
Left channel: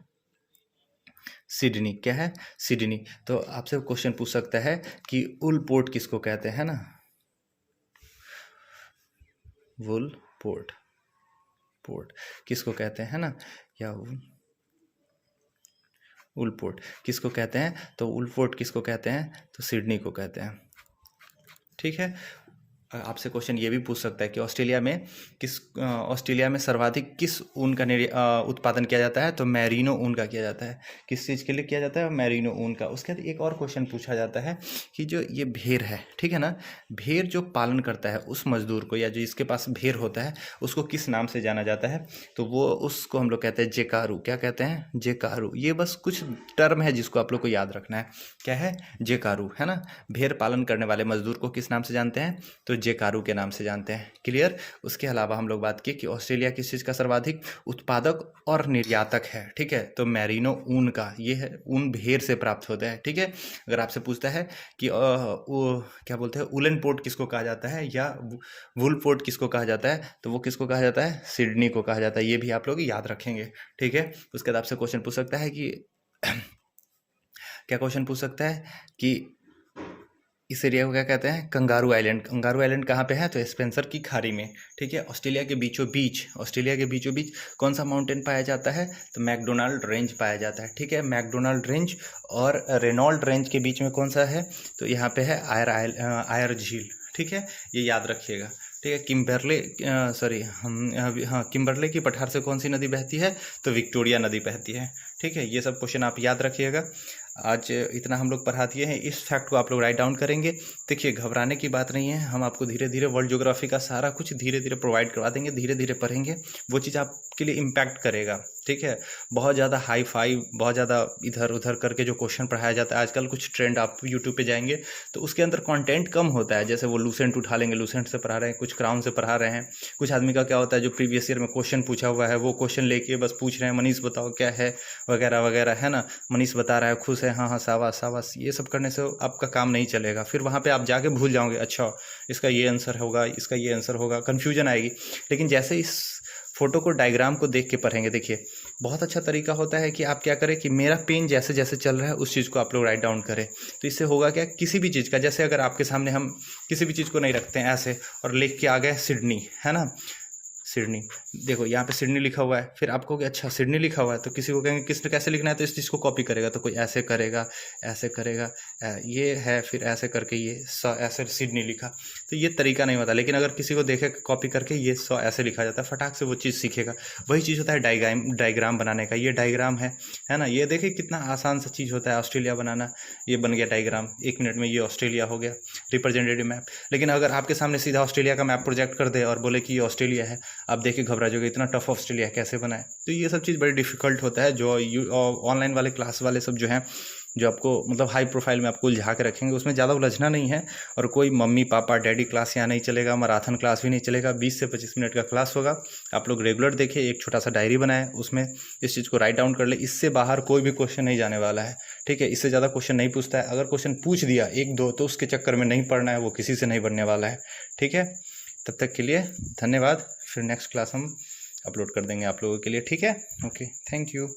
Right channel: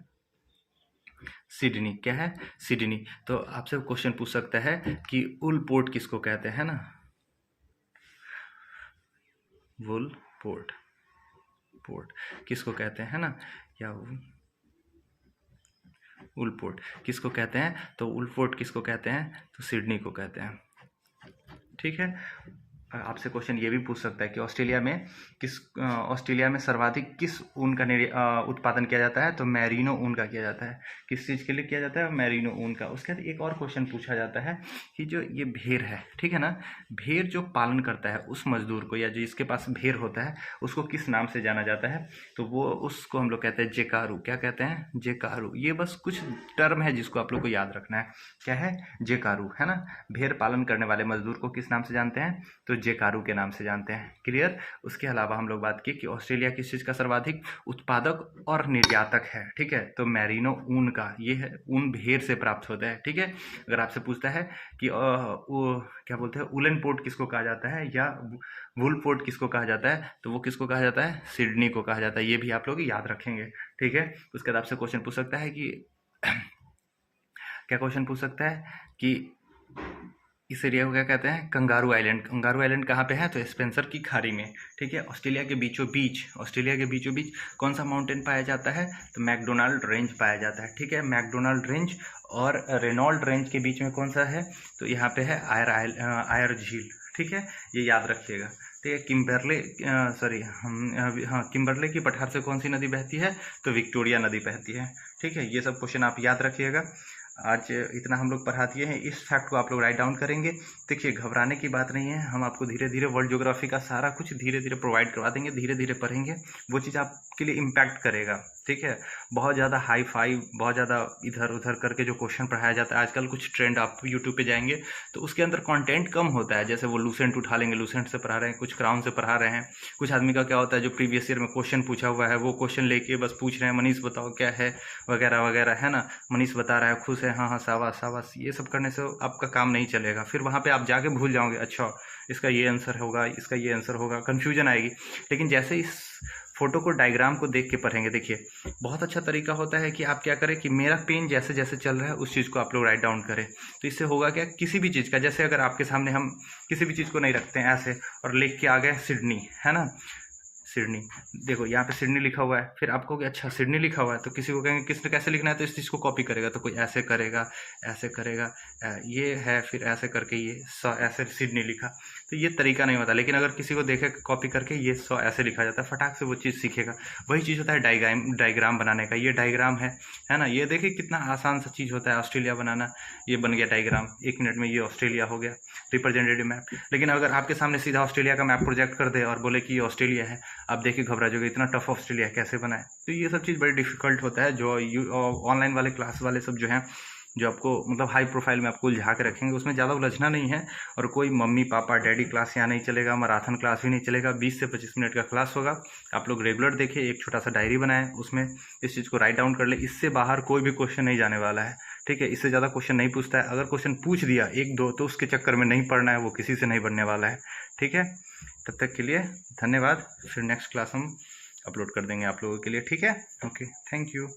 सिडनी। क्या है, सिडनी। तो आपसे क्वेश्चन पूछ सकता है कि वुल पोर्ट किसको कहते हैं ना, वुल पोर्ट, पोर्ट किसको कहते हैं ना, या वुल पोर्ट किसको कहते हैं, तो वुल पोर्ट किसको कहते हैं, तो सिडनी को कहते हैं। ठीक है, आपसे क्वेश्चन ये भी पूछ सकता है कि ऑस्ट्रेलिया में सर्वाधिक किस ऊन का उत्पादन किया जाता है, तो मैरिनो ऊन का किया जाता है। किस चीज़ के लिए किया जाता है, मैरिनो ऊन का। उसके बाद एक और क्वेश्चन पूछा जाता है कि जो ये भेड़ है, ठीक है ना, भेड़ जो पालन करता है उस मजदूर को या जो जिसके पास भेड़ होता है उसको किस नाम से जाना जाता है, तो वो उसको हम लोग कहते हैं जेकारू। क्या कहते हैं, जेकारू। ये बस कुछ टर्म है जिसको आप लोग को याद रखना है। क्या है, जेकारू, है ना। भेड़ पालन करने वाले मजदूर को किस नाम से जानते हैं, तो जेकारू के नाम से जानते हैं। क्लियर। उसके अलावा हम लोग बात की कि ऑस्ट्रेलिया किस चीज़ का सर्वाधिक उत्पादक और निर्यातक है, ठीक है, तो मैरिनो ऊन का। ये है, ऊन भेड़ से प्राप्त होता है। ठीक है, अगर आपसे पूछता है कि क्या बोलते हैं, उलन पोर्ट किसको कहा जाता है या वुल पोर्ट किसको कहा जाता है, तो वो किसको कहा जाता है, सिडनी को कहा जाता है। ये भी आप लोग याद रखेंगे। ठीक है, उसके बाद आपसे क्वेश्चन पूछ सकता है कि क्या क्वेश्चन पूछ सकता है कि इस एरिया को क्या कहते हैं, कंगारू आइलैंड। कंगारू आइलैंड कहाँ पे है, तो स्पेंसर की खाड़ी में। ठीक है, ऑस्ट्रेलिया के बीचों बीच, ऑस्ट्रेलिया के बीचों बीच कौन सा माउंटेन पाया जाता है, तो मैकडोनाल्ड रेंज पाया जाता है। ठीक है, मैकडोनाल्ड रेंज और रेनॉल्ड रेंज के बीच में कौन सा है, तो यहाँ पे है आयर झील। ठीक है, ये याद रखिएगा। ठीक है, किम्बरले की पठार से कौन सी नदी बहती है, तो विक्टोरिया नदी बहती है। ठीक है, ये सब क्वेश्चन आप याद रखिएगा। आज इतना हम लोग पढ़ा दिए हैं, इस फैक्ट को आप लोग राइट डाउन करेंगे। देखिए, घबराने की बात नहीं है, हम आपको धीरे धीरे वर्ल्ड ज्योग्राफी का सारा कुछ धीरे धीरे प्रोवाइड करवा देंगे। धीरे धीरे पढ़ेंगे, वो चीज़ आपके लिए इम्पैक्ट करेगा। ठीक है, बहुत ज़्यादा हाई फाई, बहुत ज़्यादा इधर उधर करके जो क्वेश्चन पढ़ाया जाता है आजकल, कुछ ट्रेंड आप यूट्यूब पे जाएंगे तो उसके अंदर कंटेंट कम होता है। जैसे वो लूसेंट उठा लेंगे, लूसेंट से पढ़ा रहे हैं, कुछ क्राउन से पढ़ा रहे हैं। कुछ आदमी का क्या होता है, जो प्रीवियस ईयर में क्वेश्चन पूछा हुआ है वो क्वेश्चन लेके बस पूछ रहे हैं, मनीष बताओ क्या है, वगैरह वगैरह, है ना। मनीष बता रहा है, खुश है, हाँ हाँ शाबाश शाबाश। ये सब करने से आपका काम नहीं चलेगा। फिर वहाँ पे आप जाके भूल जाओगे, अच्छा इसका ये आंसर होगा, इसका ये आंसर होगा, कन्फ्यूजन आएगी। लेकिन जैसे इस फोटो को, डायग्राम को देख के पढ़ेंगे, देखिए बहुत अच्छा तरीका होता है कि आप क्या करें कि मेरा पेन जैसे जैसे चल रहा है उस चीज़ को आप लोग राइट डाउन करें। तो इससे होगा क्या, किसी भी चीज़ का, जैसे अगर आपके सामने हम किसी भी चीज़ को नहीं रखते हैं ऐसे और लिख के आ गए सिडनी, है ना, सिडनी, देखो यहाँ पे सिडनी लिखा हुआ है, फिर आपको अच्छा सिडनी लिखा हुआ है, तो किसी को कहेंगे किसने कैसे लिखना है, तो इस चीज़ को कॉपी करेगा, तो कोई ऐसे करेगा, ऐसे करेगा, ये है, फिर ऐसे करके ये ऐसे सिडनी लिखा। तो ये तरीका नहीं होता। लेकिन अगर किसी को देखे कॉपी करके ये ऐसे लिखा जाता है, फटाक से वो चीज़ सीखेगा। वही चीज़ होता है डायग्राम बनाने का। ये डायग्राम है ना, ये देखिए कितना आसान सा चीज़ होता है ऑस्ट्रेलिया बनाना। ये बन गया डायग्राम, 1 मिनट में ये ऑस्ट्रेलिया हो गया, रिप्रेजेंटेटिव मैप। लेकिन अगर आपके सामने सीधा ऑस्ट्रेलिया का मैप प्रोजेक्ट कर दे और बोले कि ये ऑस्ट्रेलिया है, आप देख के घबरा जाओगे, इतना टफ ऑस्ट्रेलिया कैसे बनाए। तो ये सब चीज़ बड़ी डिफिकल्ट होता है। जो ऑनलाइन वाले क्लास वाले सब जो हैं, जो आपको मतलब हाई प्रोफाइल में आपको उलझा के रखेंगे, उसमें ज़्यादा उलझना नहीं है। और कोई मम्मी पापा डैडी क्लास यहाँ नहीं चलेगा, मैराथन क्लास भी नहीं चलेगा। 20 से 25 मिनट का क्लास होगा। आप लोग रेगुलर देखें, एक छोटा सा डायरी बनाएं, उसमें इस चीज़ को राइट डाउन कर ले। इससे बाहर कोई भी क्वेश्चन नहीं जाने वाला है। ठीक है, इससे ज़्यादा क्वेश्चन नहीं पूछता है। अगर क्वेश्चन पूछ दिया 1-2 तो उसके चक्कर में नहीं पढ़ना है, वो किसी से नहीं बनने वाला है। ठीक है, तब तक के लिए धन्यवाद। फिर नेक्स्ट क्लास हम अपलोड कर देंगे आप लोगों के लिए, ठीक है। Okay, thank you.